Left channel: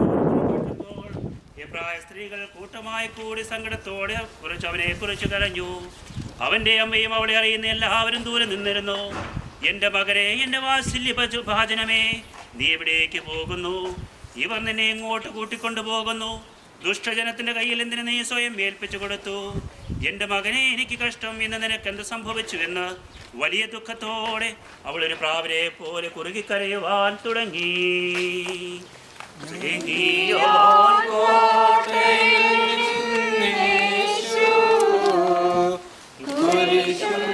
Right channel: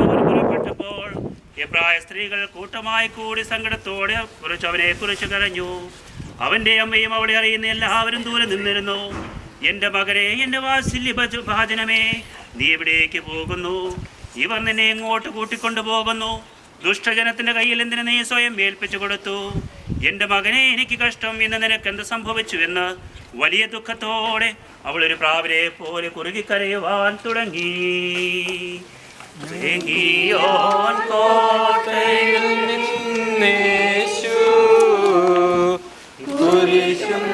പുറപ്പെട്ടപ്പോൾ എബ്രായ സ്ത്രീകൾ കൂട്ടമായി കൂടി സങ്കടത്തോടെ കുറിച്ച് അവനെ കുറിച്ച് കരഞ്ഞു. അവൻ്റെ അമ്മയും അവളെ അറിയുന്ന എല്ലാവരും ദൂരെ നിന്നിരുന്നു. എൻ്റെ മകനെ, എൻ്റെ വാത്സല്യ ഭാജനമേ, നീ എവിടേക്ക് പോകുന്നു? ഇവർ നിന്നെ എങ്ങോട്ട് കൂട്ടിക്കൊണ്ടു പോകുന്നു? ദുഷ്ടജനത്തിൻ്റെ കയ്യിൽ എന്തിനു നീ സ്വയം ഏൽപ്പിച്ചു കൊടുത്തു? എൻ്റെ മകനെ, എനിക്ക് കഷ്ടം, ഇന്ന് നിനക്കെന്ത് സംഭവിച്ചുവെന്ന് വലിയ ദുഃഖത്തോടെ അവളൊരു പ്രാവിനെ പോലെ കുറുകിക്കരയുവാൻ തുടങ്ങി. കോട്ടയിൽ നിന്നേശു കുരിശും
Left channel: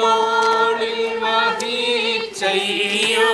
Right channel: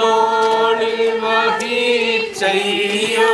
തോളിൽ വഹിച്ചയ്യോ.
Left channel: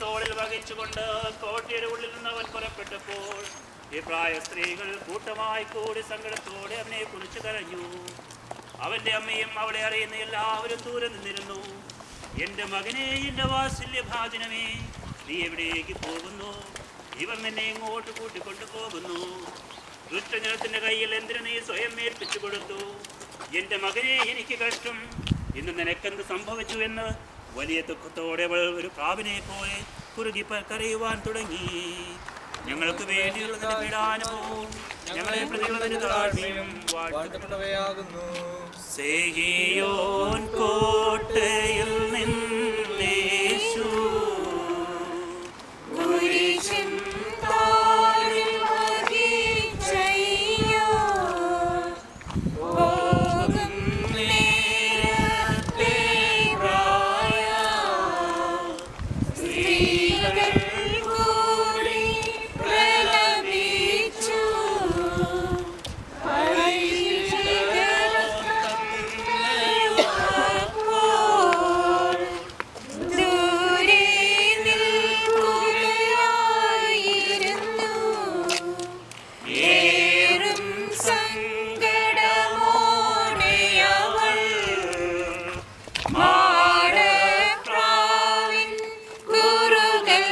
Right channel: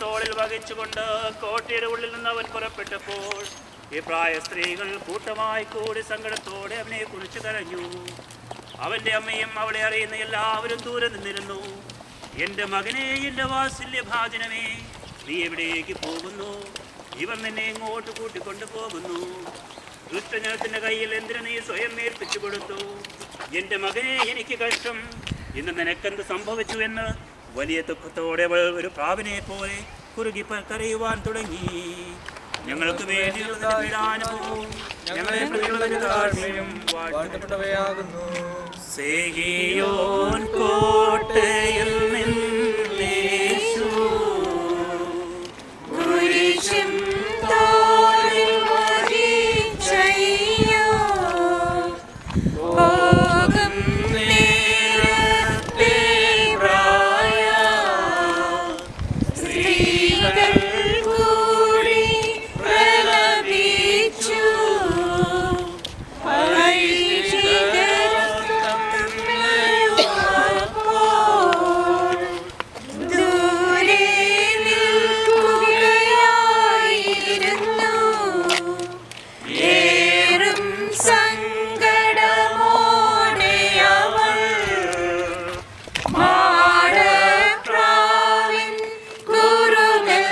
തോളിൽ വഹിച്ചുകൊണ്ട് കോട്ടയുടെ ഉള്ളിൽ നിന്ന് അവൻ പുറപ്പെട്ടപ്പോൾ എബ്രായ സ്ത്രീകൾ കൂട്ടമായി കൂടി സങ്കടത്തോടെ അവനെ കുറിച്ച് കരഞ്ഞു. അവൻ്റെ അമ്മയും അവളെ അറിയുന്ന എല്ലാവരും ദൂരെ നിന്നിരുന്നു. എൻ്റെ മകനെ, എൻ്റെ വാത്സല്യ ഭാജനമേ, നീ എവിടേക്ക് പോകുന്നു? ഇവർ നിന്നെ എങ്ങോട്ട് കൂട്ടിക്കൊണ്ടു പോകുന്നു? ദുഷ്ടജനത്തിൻ്റെ കയ്യിൽ എന്തിനു നീ സ്വയം ഏൽപ്പിച്ചു കൊടുത്തു? എൻ്റെ മകനെ, എനിക്ക് കഷ്ടം, ഇന്ന് നിനക്കെന്ത് സംഭവിച്ചു എന്ന് വലിയ ദുഃഖത്തോടെ അവൾ ഒരു പ്രാവിനെ പോലെ കുറുകി കരയുവാൻ തുടങ്ങി. ഞങ്ങൾക്ക് വേണ്ടിയുള്ള പീഡാനുഭവവും ഞങ്ങളെ പ്രതിയുള്ള താഴ്മയും വാഴ്ത്തപ്പെട്ടവയാകുന്നു. സീയോൻ കോട്ടയിൽ നിന്നേശു കുരിശും തോളിൽ വഹിച്ചയ്യോ. പോകും നേരത്തെ പ്രായ സ്ത്രീകൾ കൂടി പ്രലപിച്ചു. ദൂരെ നിൽക്കുകയായിരുന്നു. ഏറും സങ്കടമോടെ അവൾ മാടപ്രാവിൻ കുറുകൽ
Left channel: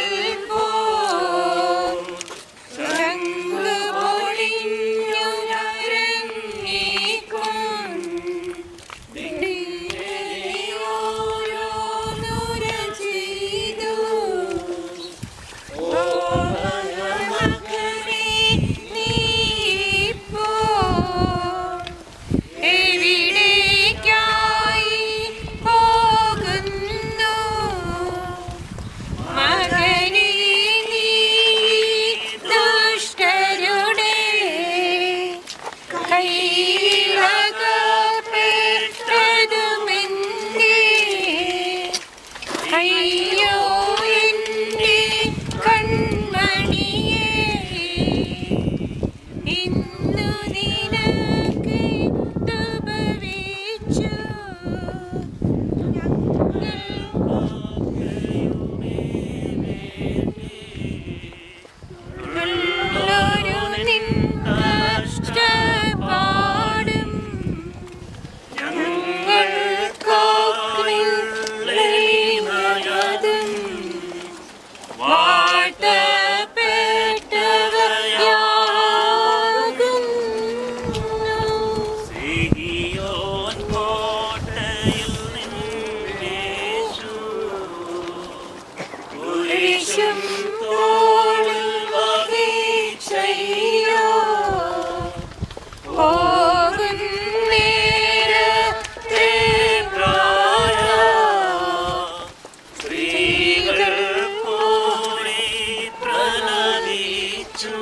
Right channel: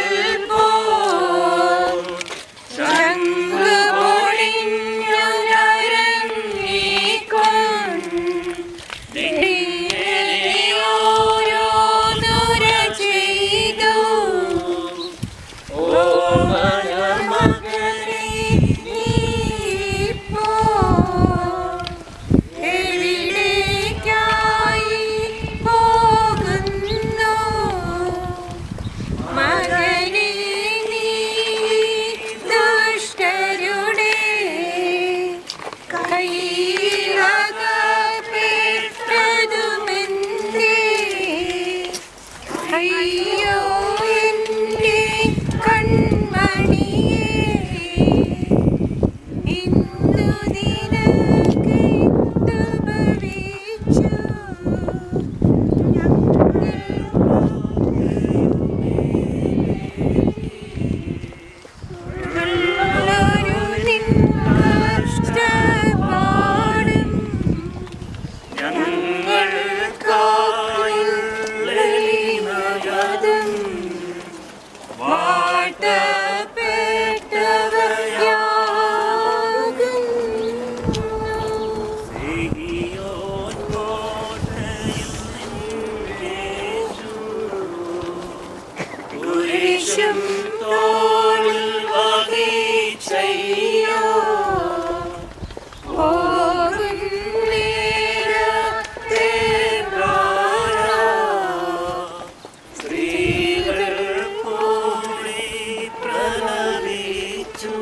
കുരിശും തോളിൽ വഹിച്ചയ്യോ പോകും നേരത്തെ പ്രായ സ്ത്രീകൾ കൂടി പ്രലപിച്ചു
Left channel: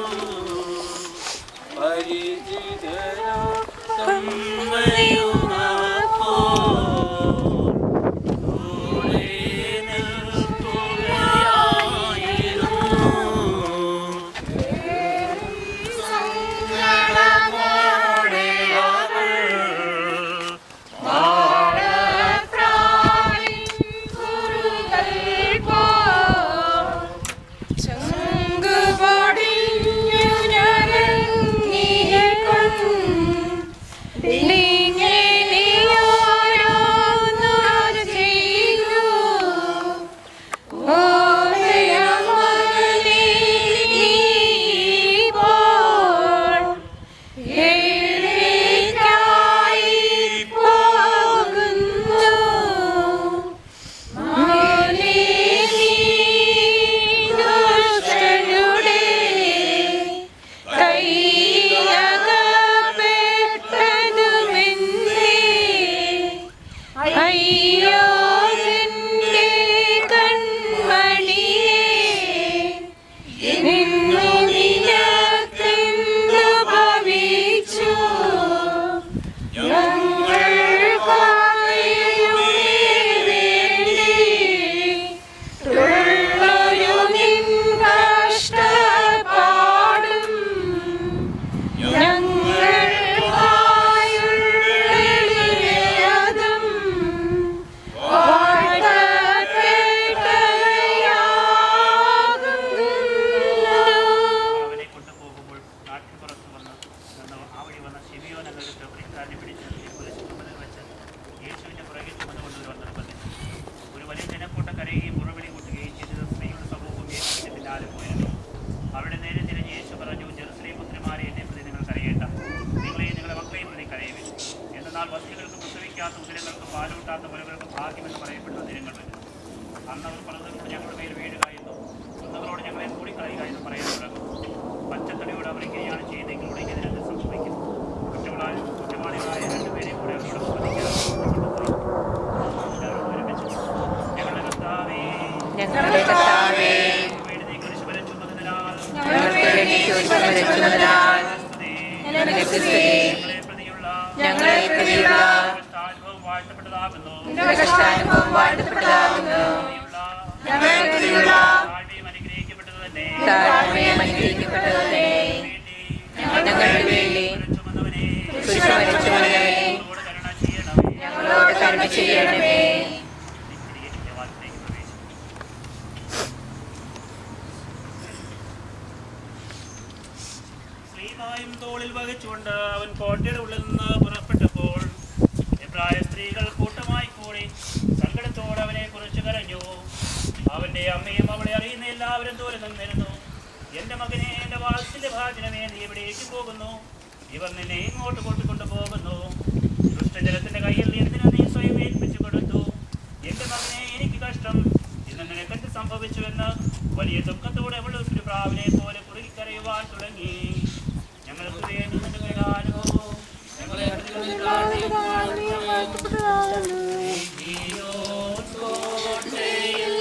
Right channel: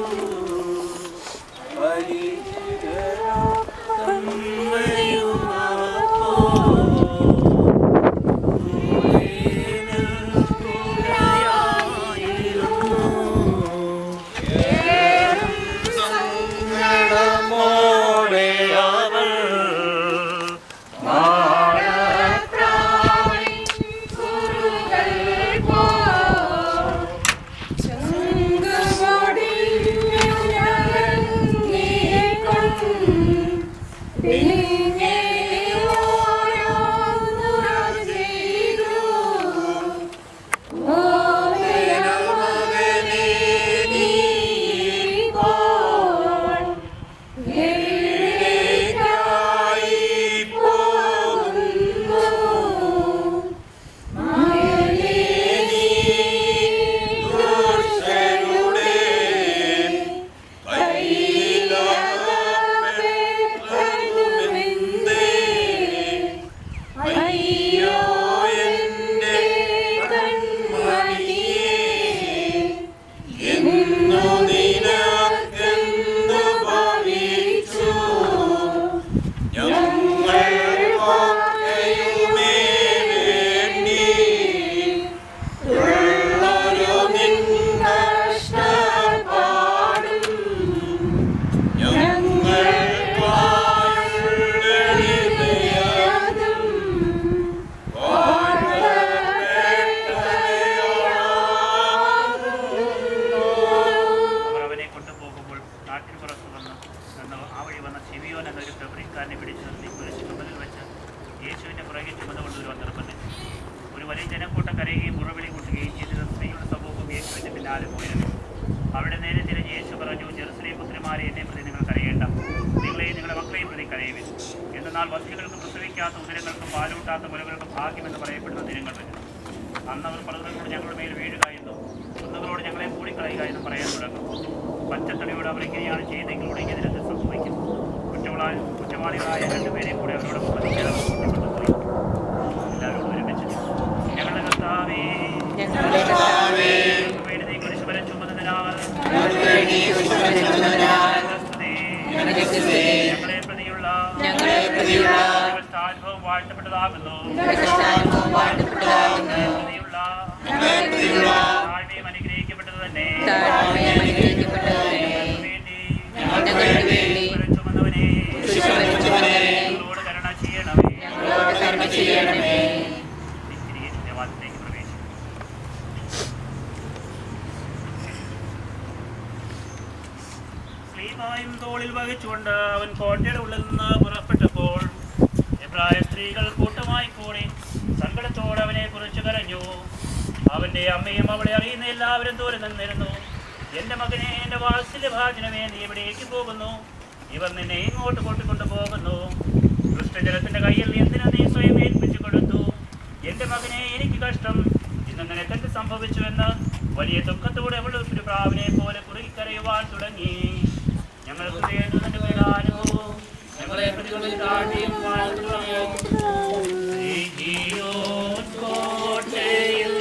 അവിടെ നേരെ തിരിഞ്ഞ് യേശു പറഞ്ഞു, ജെറുസലേം പുത്രിമാരെ, എന്നെ പ്രതി നിങ്ങൾ കരയേണ്ട, നിങ്ങളെയും നിങ്ങളുടെ മക്കളെയും പ്രതി കരയുവിൻ. എന്നാൽ വസ്തുക്കൾക്ക് പ്രസവിക്കാത്ത ഉദരങ്ങൾക്കും പാലൂട്ടാത്ത മുലകൾക്കും ഭാഗ്യമെന്ന് പറയപ്പെടുന്ന ദിനങ്ങൾ വരും. അന്ന് അവർ പർവ്വതങ്ങളോട് ഞങ്ങളുടെ മേൽ വീഴുക എന്നും കുന്നുകളോട് ഞങ്ങളെ മൂടിക്കളയുക എന്നും പറയാൻ തുടങ്ങും. പച്ചത്തടിയോട് അവർ ഇങ്ങനെയാണ് ചെയ്തെങ്കിൽ ഉടങ്ങിയ ദിനത്തിൽ സംഭവിക്കും. കുറ്റവാളികളായ രണ്ടുപേരെ കൂടെ അവരോട് കൊണ്ടുപോയി എല്ലാവരോടും ഒരുമിച്ച്, ഞങ്ങളുടെ കർത്താവേ, ഞങ്ങളെ പ്രതിയുള്ള അനുഭവം വാഴ്ത്തപ്പെട്ടതാകുന്നു. താഴ്മയും അനുഗ്രഹിക്കപ്പെട്ടത് തന്നെ. ചുമന്നവനെ ഞങ്ങളോട് കരുണ ചെയ്യണമേ. ദേവാലയത്തിലേക്ക് പ്രവേശിക്കും. സ്ലീബായും തോളിൽ വഹിച്ചുകൊണ്ട് അവൻ കോട്ടയുടെ ഉള്ളിൽ നിന്ന് പുറപ്പെട്ടപ്പോൾ എബ്രായ സ്ത്രീകൾ കൂട്ടമായി കൂടി സങ്കടത്തോടെ അവനെ കുറിച്ച് കരഞ്ഞു. അവന്റെ അമ്മയും അവളെ അറിയുന്ന എല്ലാവരും ദൂരെ നിന്നിരുന്നു. എന്റെ മകനെ, എന്റെ വാത്സല്യഭാജനമേ, നീ എവിടേക്ക് പോകുന്നു? ഇവർ നിന്നെ ഇങ്ങോട്ട് കൂട്ടിക്കൊണ്ടു പോകുന്നു. ദുഷ്ടജലത്തിന്റെ കയ്യിൽ എന്തിനു നീ സ്വയം ഏൽപ്പിച്ചു കൊടുത്തു? എന്റെ മകനെ, എനിക്ക് കഷ്ടം, ഇന്ന് നിനക്കെന്ത് സംഭവിച്ചുവെന്ന് വലിയ ദുഃഖത്തോടെ അവൾ ഒരു പ്രാവിനെ പോലെ കുറുകിക്കരയുവാൻ തുടങ്ങി. ഞങ്ങൾക്ക് വേണ്ടി നിന്റെ പരിഹാരവും ഞങ്ങളെ പ്രതികളിൽ കോട്ടയിൽ